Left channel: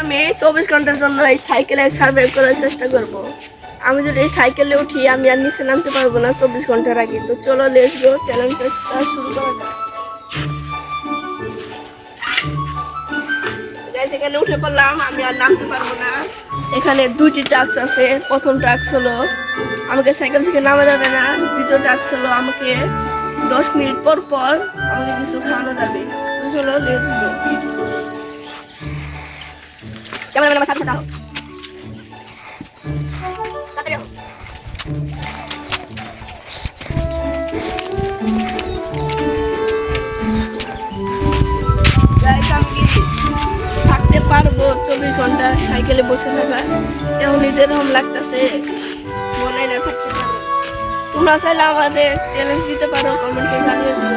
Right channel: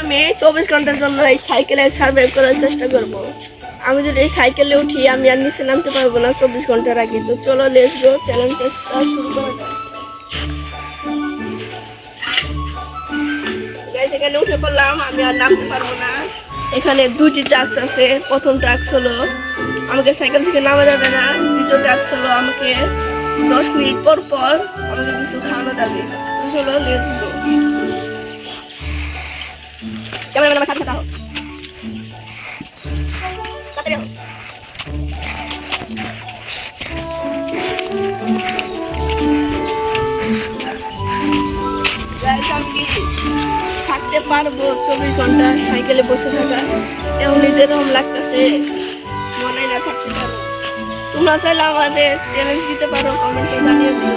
আমি 24 ঘন্টার জন্য এই সাইকেলে সার্ভাইভ করার চেষ্টা করব। আমি যদি এই সাইকেলে উঠি আমি আর নিচে নামতে পারবো না 24 ঘন্টার আগে। তো চলো লেটস গো, চ্যালেঞ্জটা শুরু করা যাক। গাইস এখানে উঠে পড়লাম, আমি আর নামতে পারবো না। এখানে দুইটি টাস্ক আছে। প্রথম টাস্ক হলো আমাকে সাইকেল থেকে নামা যাবে না। দ্বিতীয় টাস্ক হলো আমাকে 10 মিনিট পর পর আমাকে কিছু খাওয়ানো যাবে। তো চলো লেটস গো। ক্যামেরাম্যান আমার সাথে দাও। তাড়াতাড়ি দাও। গাইস আমি কি থাকতে পারবো 24 ঘন্টা সাইকেলে বসে থাকা? এখন যেরকম লাগতেছে মনে না থাকতে পারো। তোমরা চাইলে আমাদের চ্যালেঞ্জ দিতে পারো, কমেন্টে জানিয়ে দিও।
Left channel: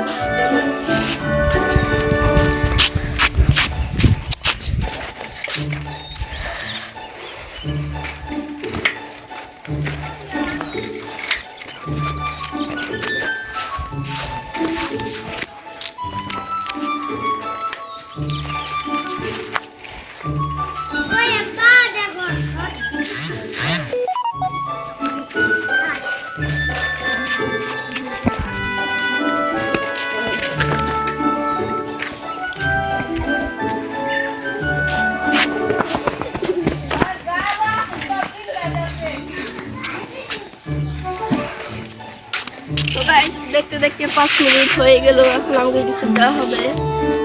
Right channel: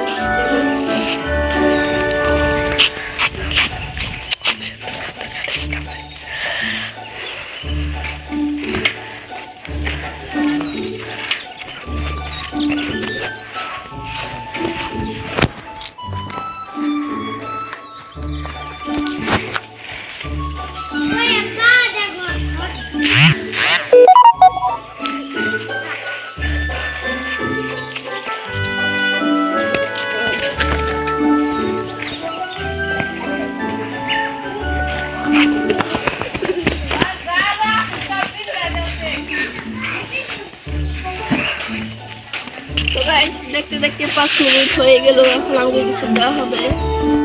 তো গাইস দেখতে দেখতে 5 মিনিট হয়ে গেল। এখন আমাকে কিছু দেওয়া হবে।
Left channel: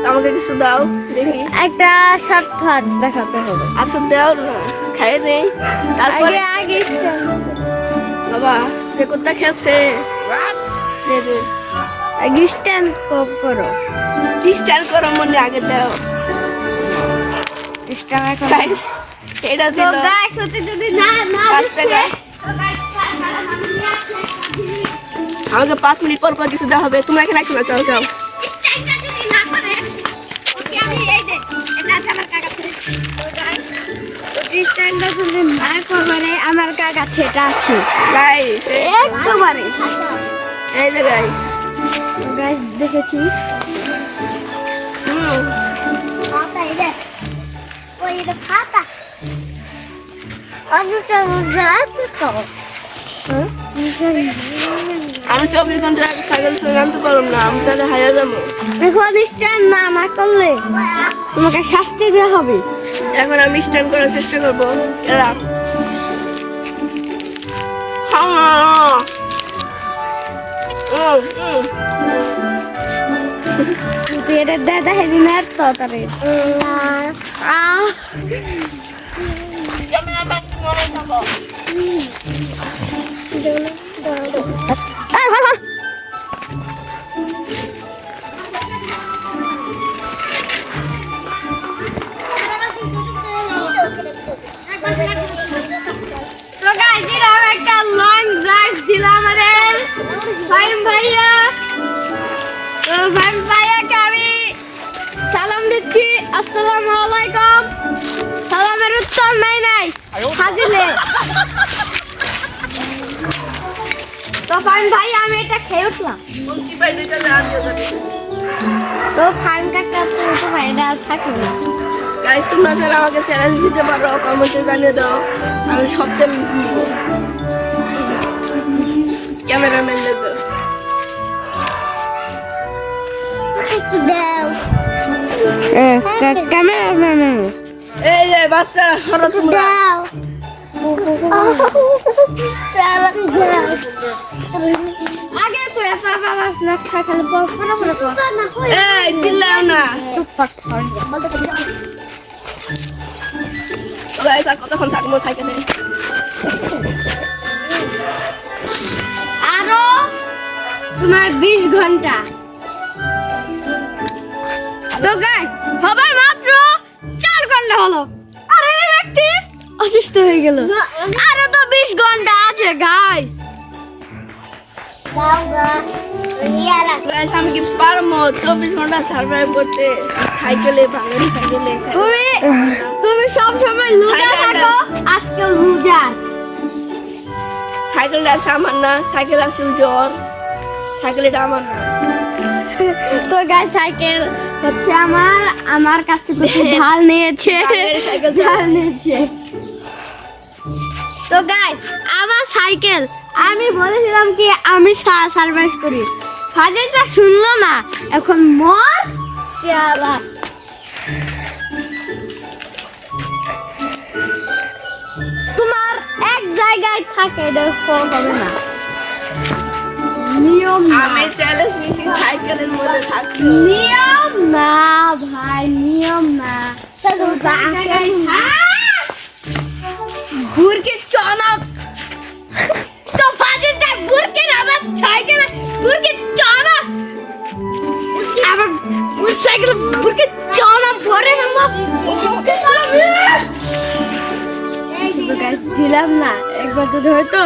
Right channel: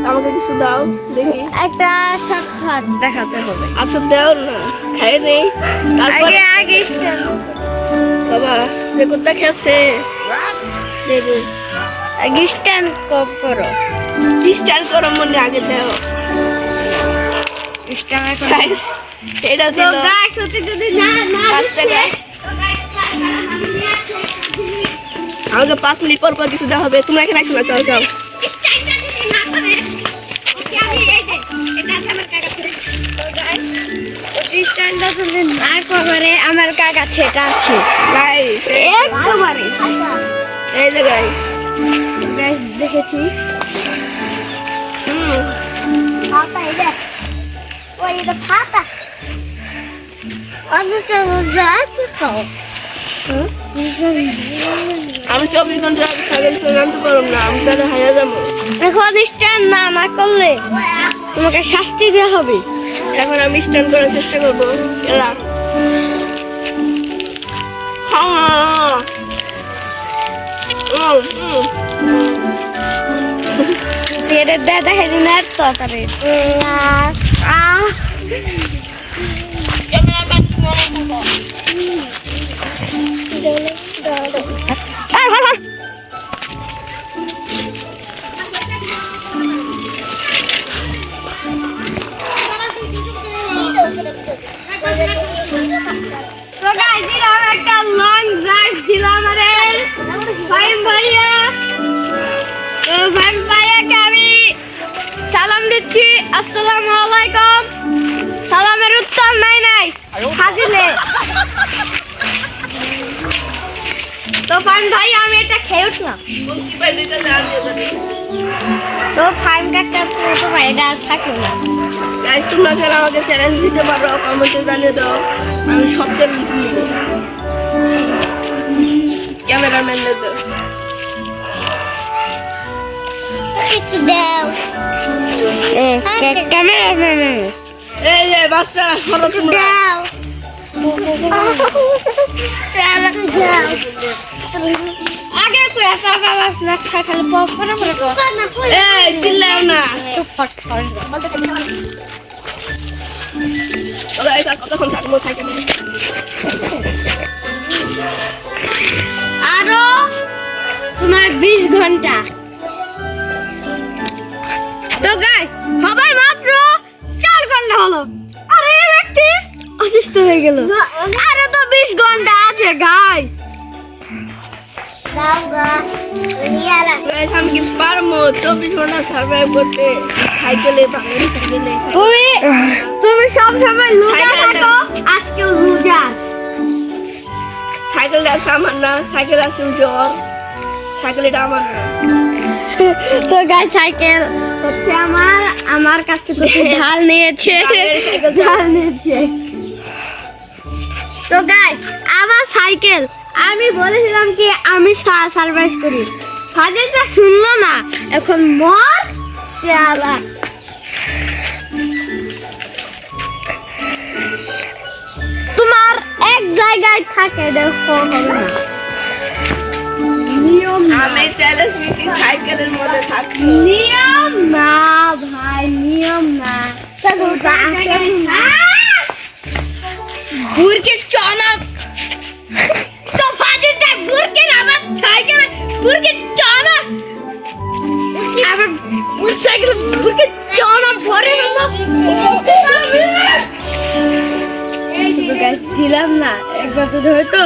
আমাকে কিছু দাও দেখি। একটা সাক্ষাৎ দেখাতে হবে। আচ্ছা দাও না, খাই নেই। তারপর আগে বাবা যে কোথা খেলছে দেবে আগে স্ট্যান্ড করো। স্টার করো মনে আগে দাও। স্ট্যান্ড গাইস এটা দিল গাইস ওতে যদি না 5 টাকা। আমাকে 5 মিনিট পর পর কিছু দেওয়া হবে। তোমরা এখানে আসো না, যাও যাও। আমার কাকা সেটা আছে গাইস একেবারে এই যে গাইস দেখেছি। আমি 24 ঘন্টা সাইকেল চলে নামতে পারবো না। আমি তাহলে হারিয়ে যাবো। এখন স্ট্যান্ড না করলে তোমাকে শাস্তি দেওয়া হবে। এখন আমি স্ট্যান্ড করার চেষ্টা করবো। এরা হ্যাঁ দাদা হেদিন আর তাড়াতাড়ি একটা লং ড্রাইভ দিল আমাদের ফাইন ভাইয়া। তো ফাইন ভাইয়াকে আমি সালাম দিচ্ছি, আসসালামু আলাইকুম। সালামের উত্তর নাই হাজিলে। তো ফাইন ভাই আমি এটা খেয়ে উঠলাম। তো ফাইন কাকা তো ভাইটা আর থাকলো না। গাইস তোমরা চাইলে আমাকে চ্যালেঞ্জ দিতে পারো, কমেন্টে জানিয়ে দাও। আমি সব চ্যালেঞ্জ নিব। ক্যামেরাম্যান দাও ক্যামেরাম্যান এই যে বাচ্চারা সরো তোমরা। আগে তো একা বাবা স্ন্যাক খালি পড়া পড়া এই চিল্লাও না। গাইস আর কতক্ষণ থাকবো সাইকেলে? আরো তোমার 20 ঘন্টা। তো গাইস সবাই মাত্র 4 ঘন্টা হলো। আরে এই ব্যক্তি অসুস্থ হয়ে গেল। আরো তো 20 ঘন্টা আছে গাইস। গাইস আমি কি পারবো 24 ঘন্টা সার্ভাইভ করতে সাইকেলে, বাঙালি সাইকেলে? তুমি সব সময় লুজার থাকো, আজকে লুজার। সাইকেলটা আছে আমার না, সাইকেল আছে জ্বর, সাইকেল এটা আমার না। তো গাইস সাইকেল হচ্ছে আমার কাছ থেকে ঢাল নিয়েছে বাঙের সাইকেল ঢাল নিয়েছে। তো গাইস আমার সাইকেল আমি বলেছিলাম কি আমি সারপ্রাইজ করি, ফাদারটা শুনলো না, এখন মর পেয়ালা। তোমার এক জায়গায় থাকে দেখো হবে না, নিয়ম না। আমি চ্যালেঞ্জ নিছি সাইকেলের মধ্যে থাকতে। নিয়ম না ভাই, নিয়ম না। বুরকে চনক তো ফাজিলটা বুরকে আমার সাইকেল বুরকে চনক আবার ওই সাইকেল বুরকে চনক ভরে ফেললো। শুধু গাছ দিলাম না, একবার তো হয়তো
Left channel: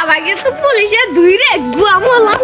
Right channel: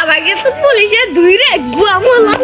আমাকে তো পুলিশে ধুইরে গুয়ামো লাভ